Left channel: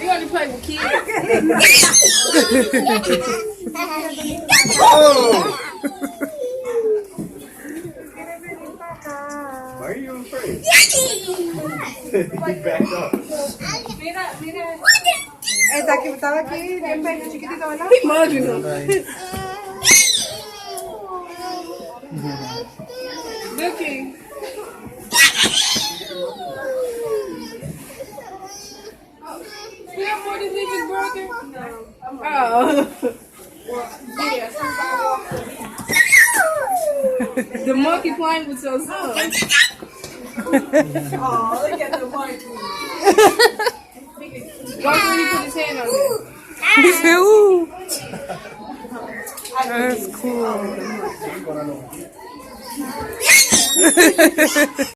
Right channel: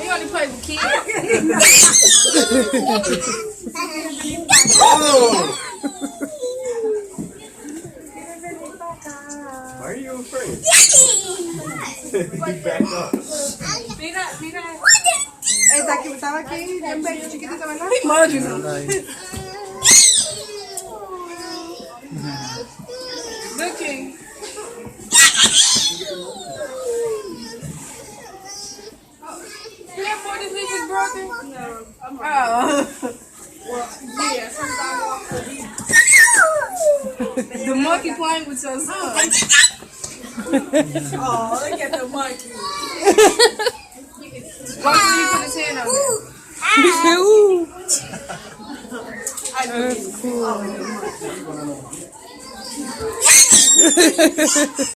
He only play with kids. Oh! Why are you afraid? He backed up. Mira, mira. Estaba aquí, bien bello, chiquitito, ¿verdad? Looking. You have more diseases, brother? No. Oh. Well, yeah. The monkey playing with your son. Oh, look at the monkey. Why did you put his hand on there? Ooh. That's cool.